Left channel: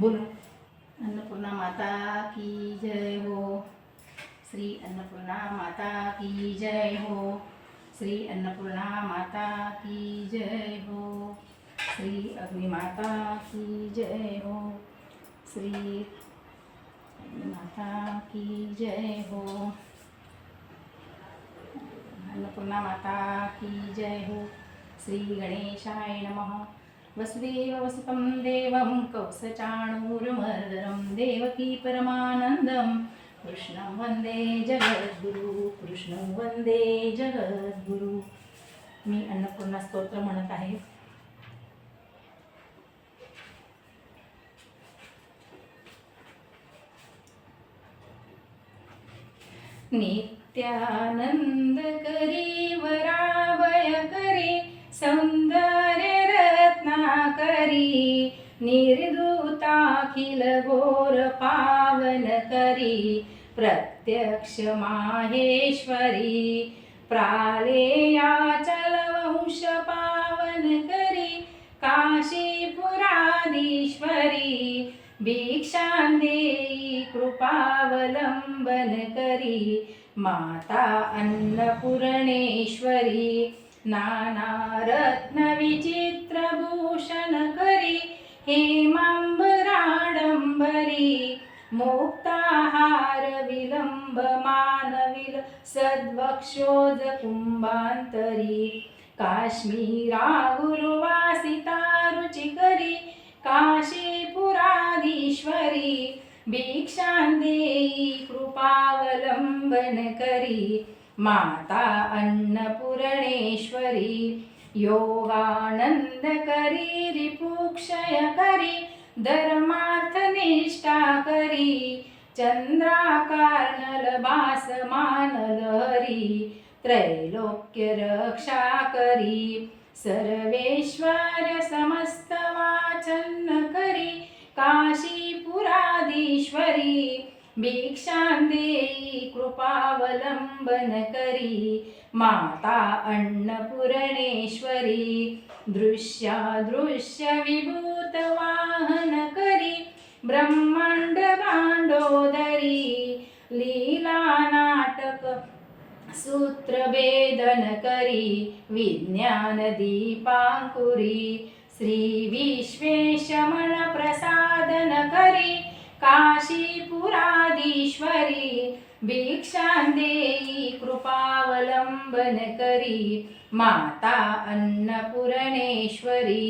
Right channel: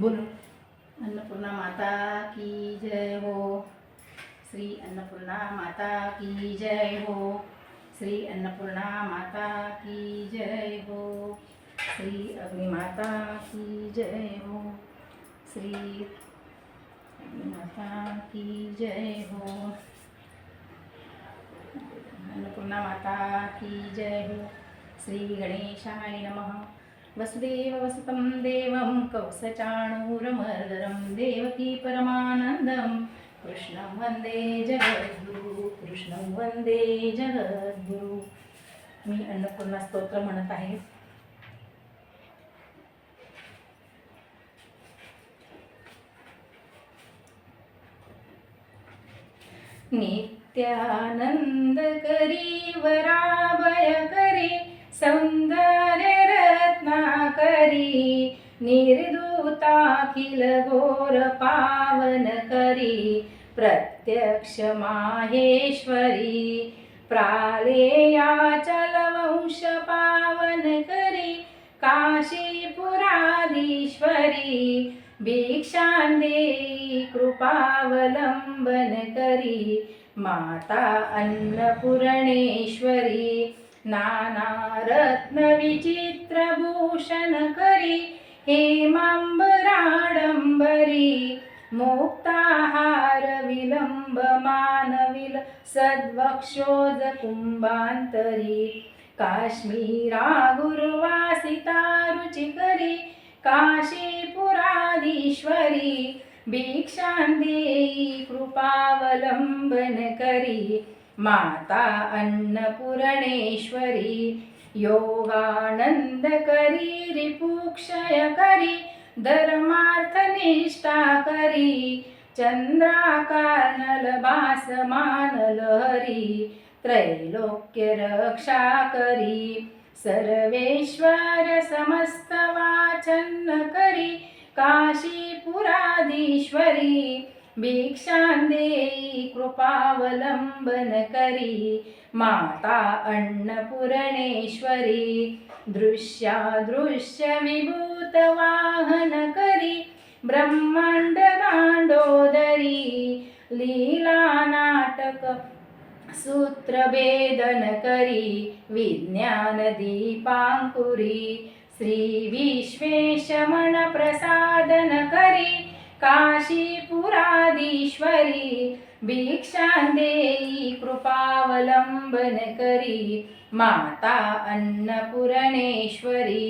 बोलो। अन्नपूर्णा माता की जय हो। श्री अन्नपूर्णा माता की जय हो। श्री अन्नपूर्णा माता की जय हो। श्री अग्निमाता की जय हो। श्री माता की जय हो। अन्नपूर्णा माता की जय हो। श्री गणेशाय नमः। वसुदेव वसुतं देवं कौसचाणूरमर्दनं देवकी परमानन्दं कृष्णं वन्दे जगद्गुरु। कृष्णं वन्दे जगद्गुरु। मी अन्नपूर्णा स्तोत्र म्हणत आहे। नित्यानंद करी वराभय करी सौंदर्य रत्नाकरी निर्दूताखिल घोर पावन करी प्रत्यक्ष माहेश्वरी प्रालेयाचल वंश पावन करी काशीपुराधीश्वरी भिक्षां देई कृपावलंबन करी माता अन्नपूर्णेश्वरी नाना रत्न विचित्र भूषण करी हेमांबराडंबरी मुक्ताहार विलंब मानविल सद्वक्षोज कुंभांतरी काश्मीरा गुरुवासिता रुचिकरी काशीपुराधीश्वरी भिक्षां देई कृपावलंबन करी माता अन्नपूर्णेश्वरी योगानंद करी रिपुक्षय करी धर्मार्थ निष्ठा करी चंद्राकार भासमान लहरी त्रैलोक्य रक्षा करी सर्वेश्वर समस्त वाचन करी काशीपुराधीश्वरी भिक्षां देई कृपावलंबन करी माता अन्नपूर्णेश्वरी दृश्यादृश्य विभूत वाहन करी ब्रह्मांड दांडोदरी लीला नाटक सूत्रभेदन करी विज्ञान दीपांकुरी श्री विश्वेशमन प्रसादन करी काशीपुराधीश्वरी भिक्षां देई कृपावलंबन करी माता अन्नपूर्णेश्वरी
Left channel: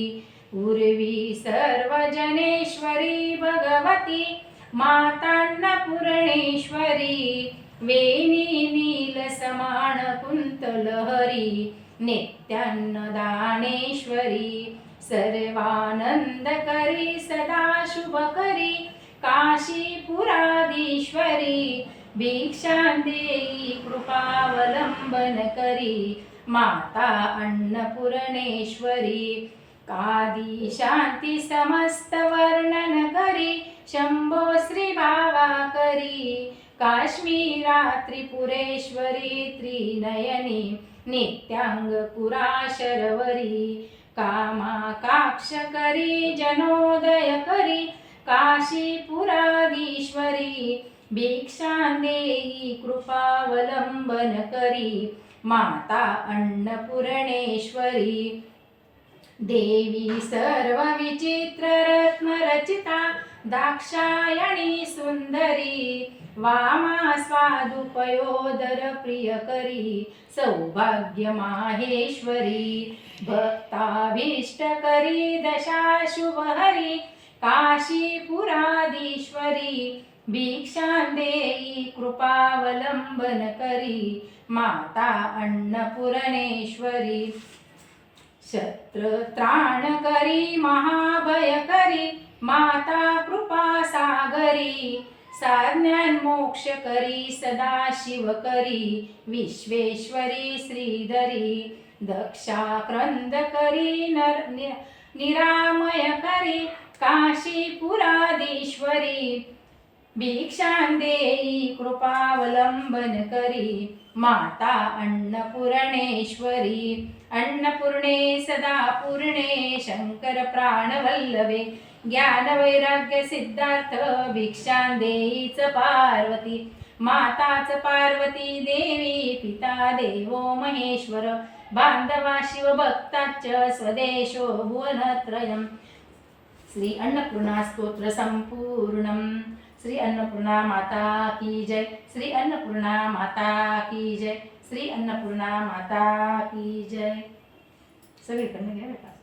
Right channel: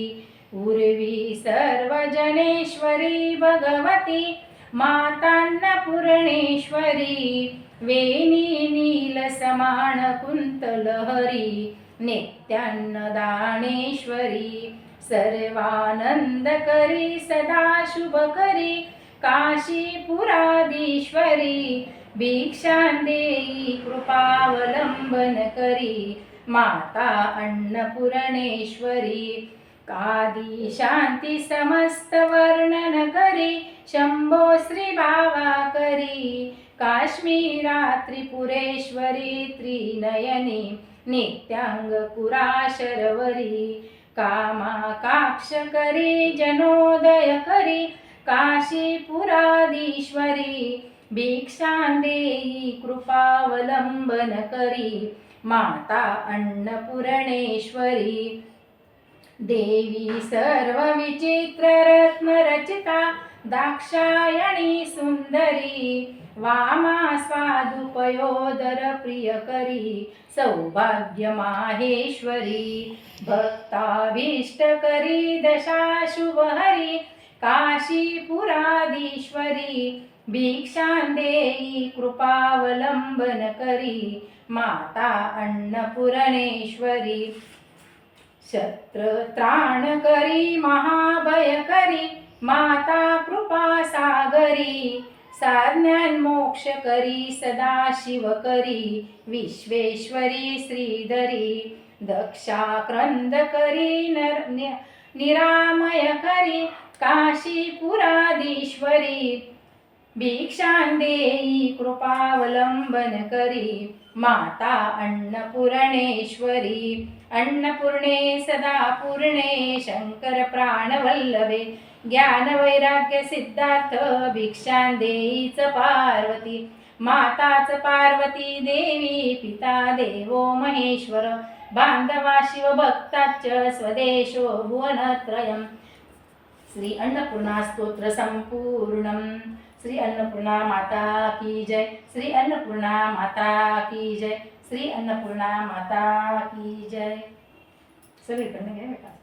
उर्वी सर्वजनेश्वरी भगवती मातान्नपूर्णेश्वरी वेणी नील समान कुंतलहरी नित्यान्नदानेश्वरी सर्वानंद करी सदा शुभ करी काशीपुराधीश्वरी भिक्षां देई कृपावलंबन करी माता अन्नपूर्णेश्वरी कादी शांती समस्त वर्णन करी शंभो श्री भावा करी काश्मीरा त्रिपुरेश्वरी त्रिनयनी नित्यांगपुरा शर्वरी कामाकाक्ष करी जनोदय करी काशीपुराधीश्वरी भिक्षां देई कृपावलंबन करी माता अन्नपूर्णेश्वरी देवी सर्व विचित्र रत्न रचिता दाक्षायणी सुंदरी वामा स्वादुपयोदर प्रियकरी सौभाग्य माहेश्वरी भक्ताभीष्ट करी दशा शुभहरी काशीपुराधीश्वरी भिक्षां देई कृपावलंबन करी माता अन्नपूर्णेश्वरी शत्रत्राण करी महाभय करी माता कृपा सागरी साज्ञान मोक्ष करी सदा शिव करी विश्वेश्वरी श्रीधरी दक्षाक्रंद करी निरामय करी काशीपुराधीश्वरी भिक्षां देई कृपावलंबन करी माता अन्नपूर्णेश्वरी अन्नपूर्णे सदा पूर्णे शंकर प्राणवल्लभे ज्ञान वैराग्य सिद्धार्थ भिक्षा देईच पार्वती माताच पार्वती देवी पिता देवो महेश्वर बांधवा शिवभक्ताच स्वदेशो भुवनत्रयम् श्री अन्नपूर्णा स्तोत्र संपूर्णम श्री अन्नपूर्णा माता की जय श्री अन्नपूर्णा माता की जय श्री अन्नपूर्णा माता की जय सगळीकडनं घ्या बेटा